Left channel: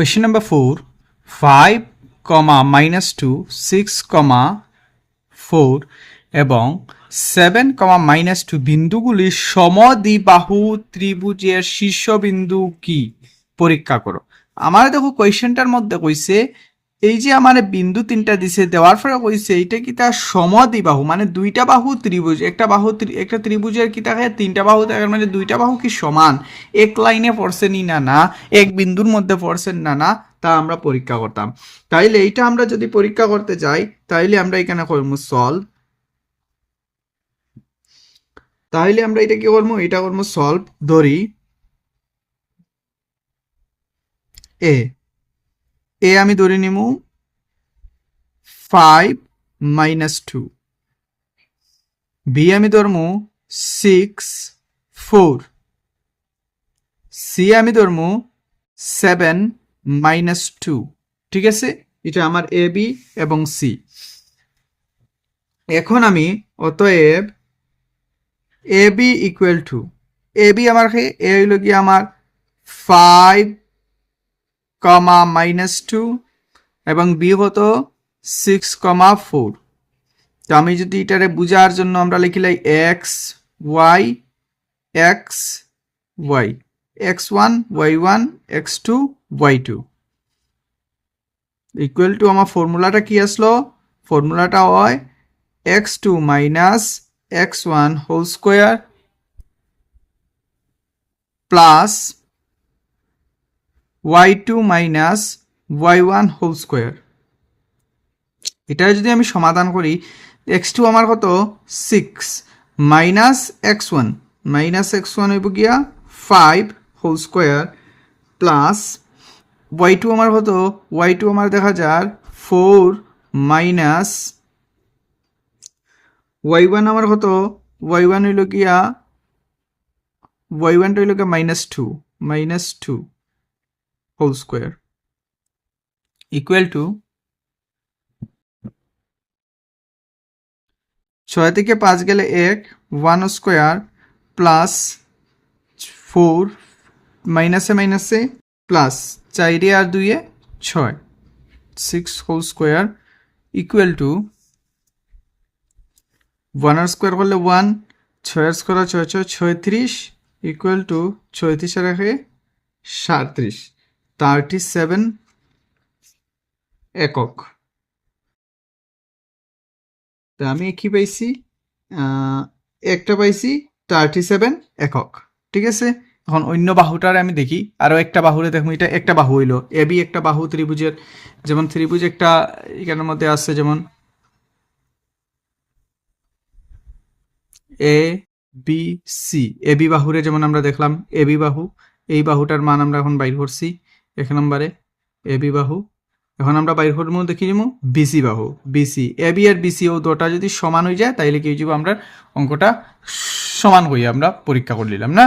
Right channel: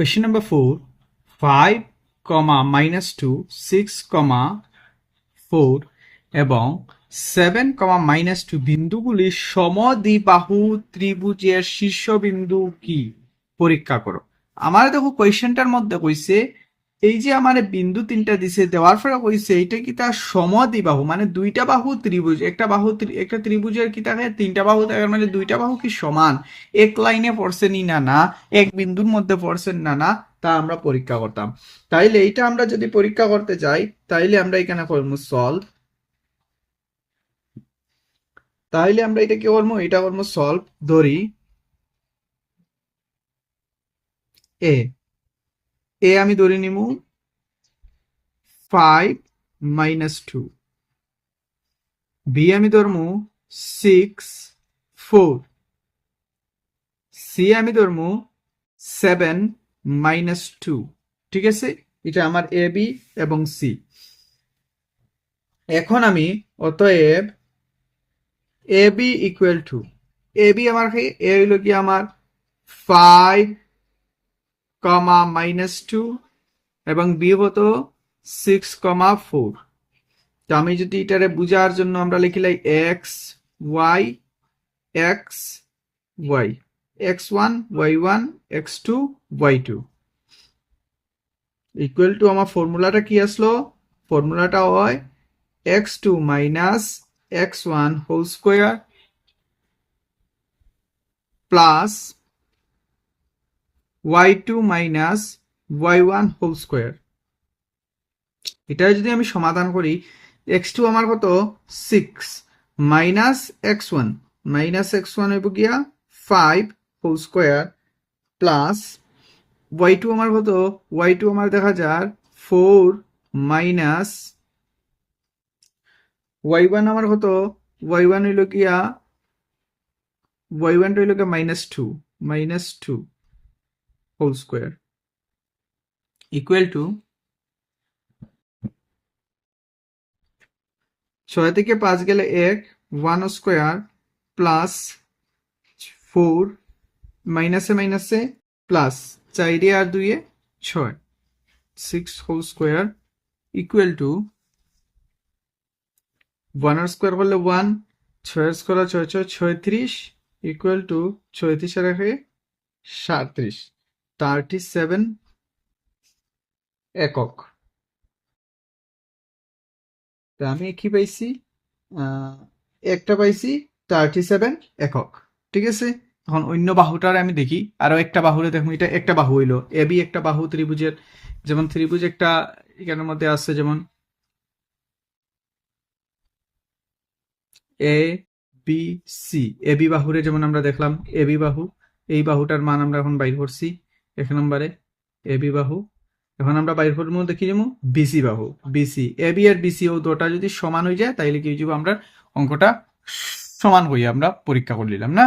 Question number 4, 5, -2, 6, 4 এবং 7, -2 বিন্দুগুলি সমদ্বিবাহু ত্রিভুজের শীর্ষবিন্দু কি পরীক্ষা করো। আমার দেখো কোয়েশ্চেনটার মধ্যে কইছে এই যে আমার বিন্দু তিনটা দিছে দেওয়ার পরে কইছে এইটা কি তার সমদ্বিবাহু মানে দুইটা বাহু ত্রিভুজ একটা ত্রিভুজের কি থাকে তিনটা বাহু থাকে মানে দুইটা বাহু কি সমান এক লাইনে পড়ছে নি না এক বিন্দুর মধ্যে পড়ছেন না তা আমরা পরীক্ষা করতাম। তাইলে এইটা আমরা যদি পরীক্ষা করতে যাই তাইলে আমরা এখানে করবো সলভ। তাহলে আমরা এটা কি করবো, এটা করবো সলভ। ধরি এ আমি ধরে নিব 5 -2, বি আমি ধরবো 6 4, সি আমি ধরবো 7 -2। ঠিক আছে, এটা আমার এ বি এবং সি। এখন আমি অতএব A B equal to A B আমার এ হইল কি আমার 5, -2 এবং বি হতো 6, 4। তো আমি যদি এটারে বুঝার জন্য আমরা লিখিলাই x y x1 y1 x2 y2 equal to আমার ফর্মুলাটা কি আসলো, ফর্মুলাটা হয় x2 - x1 whole square plus y2 - y1 whole square. এটা যদি আমি সমাধান করি x2 আমার কত 6 -x1 হইব গিয়া 5 হোল স্কোয়ার প্লাস y2 আমার কত y2 আমার দেখা যার 4 মাইনাস y1 আমার কত y1 হইল গিয়া y1 হইল গিয়া -2 হোল স্কোয়ার ইকুয়াল টু 6 থেকে 5 গেলে 1 স্কোয়ার প্লাস 4 মাইনাসে প্লাস 4 আর 2 6 6 হোল স্কোয়ার ইকুয়াল টু 1 আর স্কোয়ার করলে 1, 6 আর স্কোয়ার 6 36 ইকুয়াল টু 36 রেখে 37 37 একক। তা আমি কি পাইছি, একটা পাইছি 37 একক। ঠিক আছে, এখন অন্য বাহুটার আমি দেখি আরো একটা বাহুরে দেখুন, এটা একটা বাহু হইলো এ বি, একটা বাহু ত্রিভুজের, যেমন ত্রিভুজ একটা এখানের মধ্যে আছে যেমন A B C, A B বাহুরে যেমন আমরা দেখলাম এ বি বাহু, এই বাহুটার মান আমরা এখন বাইর করছি 1 নম্বরে এ বি বাহু। এখন আমরা বাইর করবো দেখি নিব বিসি বাহু, BC A B R BC ও দুটা যদি সমান হয়ে যায় তাইলে কি হয়ে যাব, আমরা অঙ্কটা সমান হয়ে আমরা পরীক্ষা করে নিলাম না।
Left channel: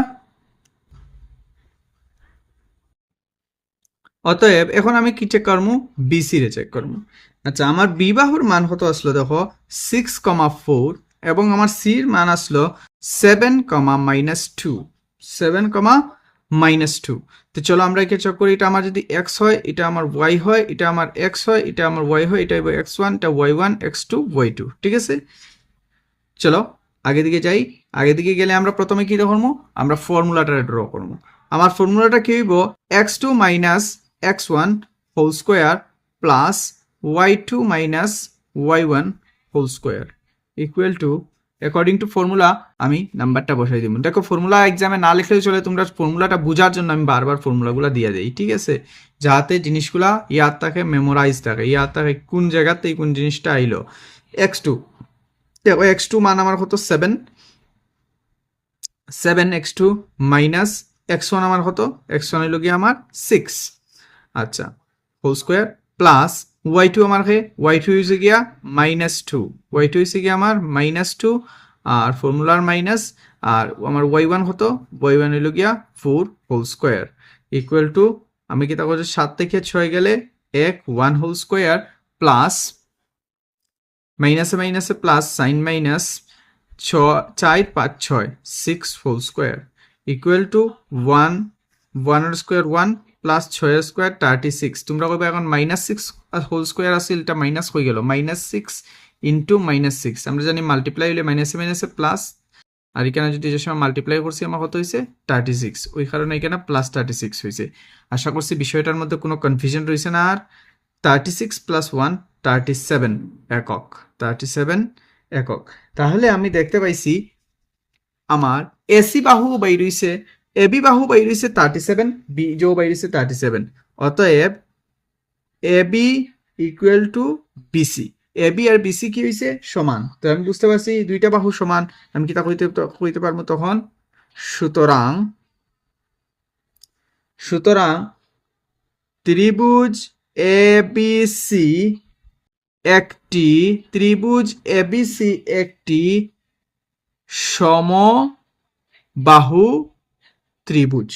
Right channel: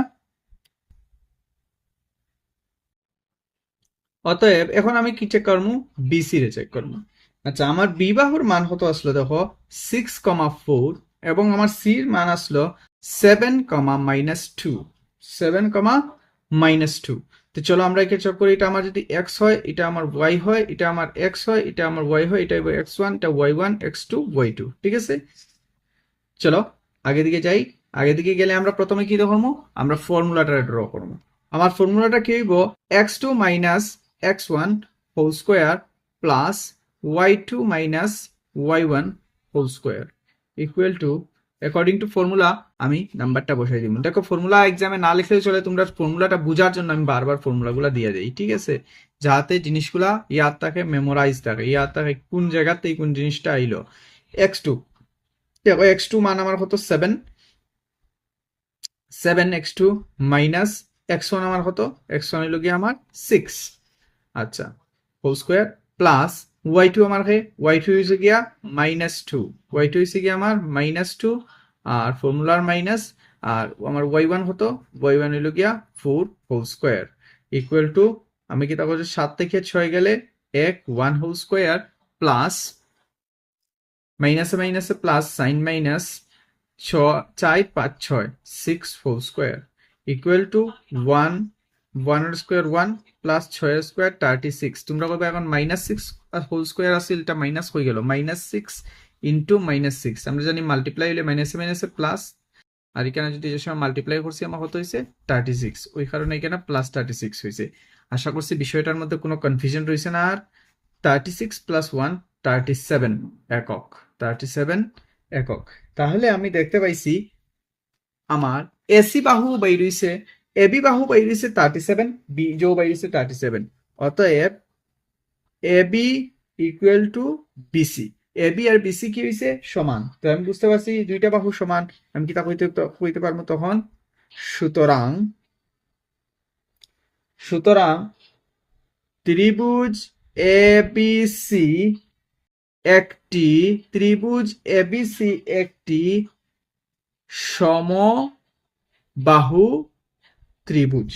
অতএব এখন আমি কি চেক করবো, বিসি রে চেক করবো। আচ্ছা, আমার বি বাহুর মান কত আসলো দেখো 6, 4 এবং আমার সির মান আসলো 7, -2 7, -2। তো চলো আমরা একে চেক করি, এটা আমার যদি এক্স হয়, এটা আমার ওয়াই হয়, এটা আমার এক্স হয়, এটা আমার ওয়াই হয়, এটা x1, এটা y1 x2 y2। ঠিক আছে, চলো আগে দিকে যাই। আগে দিকে গেলে আমরা প্রথমে কি করবো, আমরা ফর্মুলাটা ড্র করবো। আমার ফর্মুলাটা কি হইব x2 - x1 whole square plus y2 - y1 whole square equal to, according to formula আমি নাম্বারটা বসাই দিব। দেখো ফর্মুলা এক্সামে না লিখলে চলে, তোমরা ফর্মুলাটা বোঝার জন্য আমি বারবার ফর্মুলাগুলো দিয়ে দিই। ঠিক আছে, যাতে জিনিসগুলা ইয়াদ থাকে, মেমোরাইজ থাকে, ইয়াদ থাকে কোন জায়গাতে কোন জিনিসটা আইলো। x2 দেখো x2 মান আমার কত 7 x2 মাইনাস x1 আমার কত, x1 হইল গিয়ে আমার 6। আচ্ছা, হোল স্কোয়ার প্লাস y2 আমার y2 হইছে গিয়া -2, y2 হইছে গিয়া আমার -2 আর ফর্মুলার মাইনাস, আর আমার y1 কত, y1 হইল গিয়া 4 হোল স্কোয়ার ইকুয়াল টু, আমি কি তা করছি 7 থেকে 6 গেলে 1 হোল স্কোয়ার প্লাস মাইনাসে plus sign minus 4 5 6 6 whole square equal to 1 square 1 plus 6 square 36 তোমরা কবে এখন -6 হোল স্কোয়ার আছিল এটা মাইনাস হয়ে গেল -6 ইন্টু -6 আমরা জানি মাল্টিপ্লাই হলে মাইনাসে মাইনাসে প্লাস আর এখানে যদি যে সময় মাল্টিপ্লাই করছি আমার কত হয়েছে 36 ওই কারণে এখানে প্লাস 36 হয়েছে আশা করছি বিষয়টার মধ্যে কোনো কনফিউশন রয়েছে না আর 36 প্লাস 1 37 একক 37 একক তাহলে আমি দেখতে পাইছি আমার এসি বাহু বাই রইছে এবি বাহু বাই রইছে 37 বিজো বাই রইছে 37 অতএব AB equal to BC AB আর বিসি কি হইছে সমান তো আমি বুঝতে পারছি দুইটা বাহু সমান আমি কি তা কইতে পারবো তখন সুতরাং সুতরাং ত্রিভুজ এবিসি একটি ত্রিভুজ এবিসি একটি সমবাহু ত্রিভুজ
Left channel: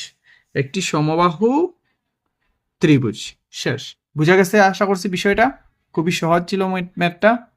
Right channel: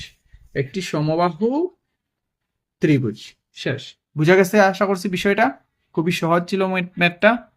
একটি সমবাহু ত্রিভুজ শেষ বুঝা গেছে আশা করছি বিষয়টা খুবই সহজ ছিল ম্যাথটা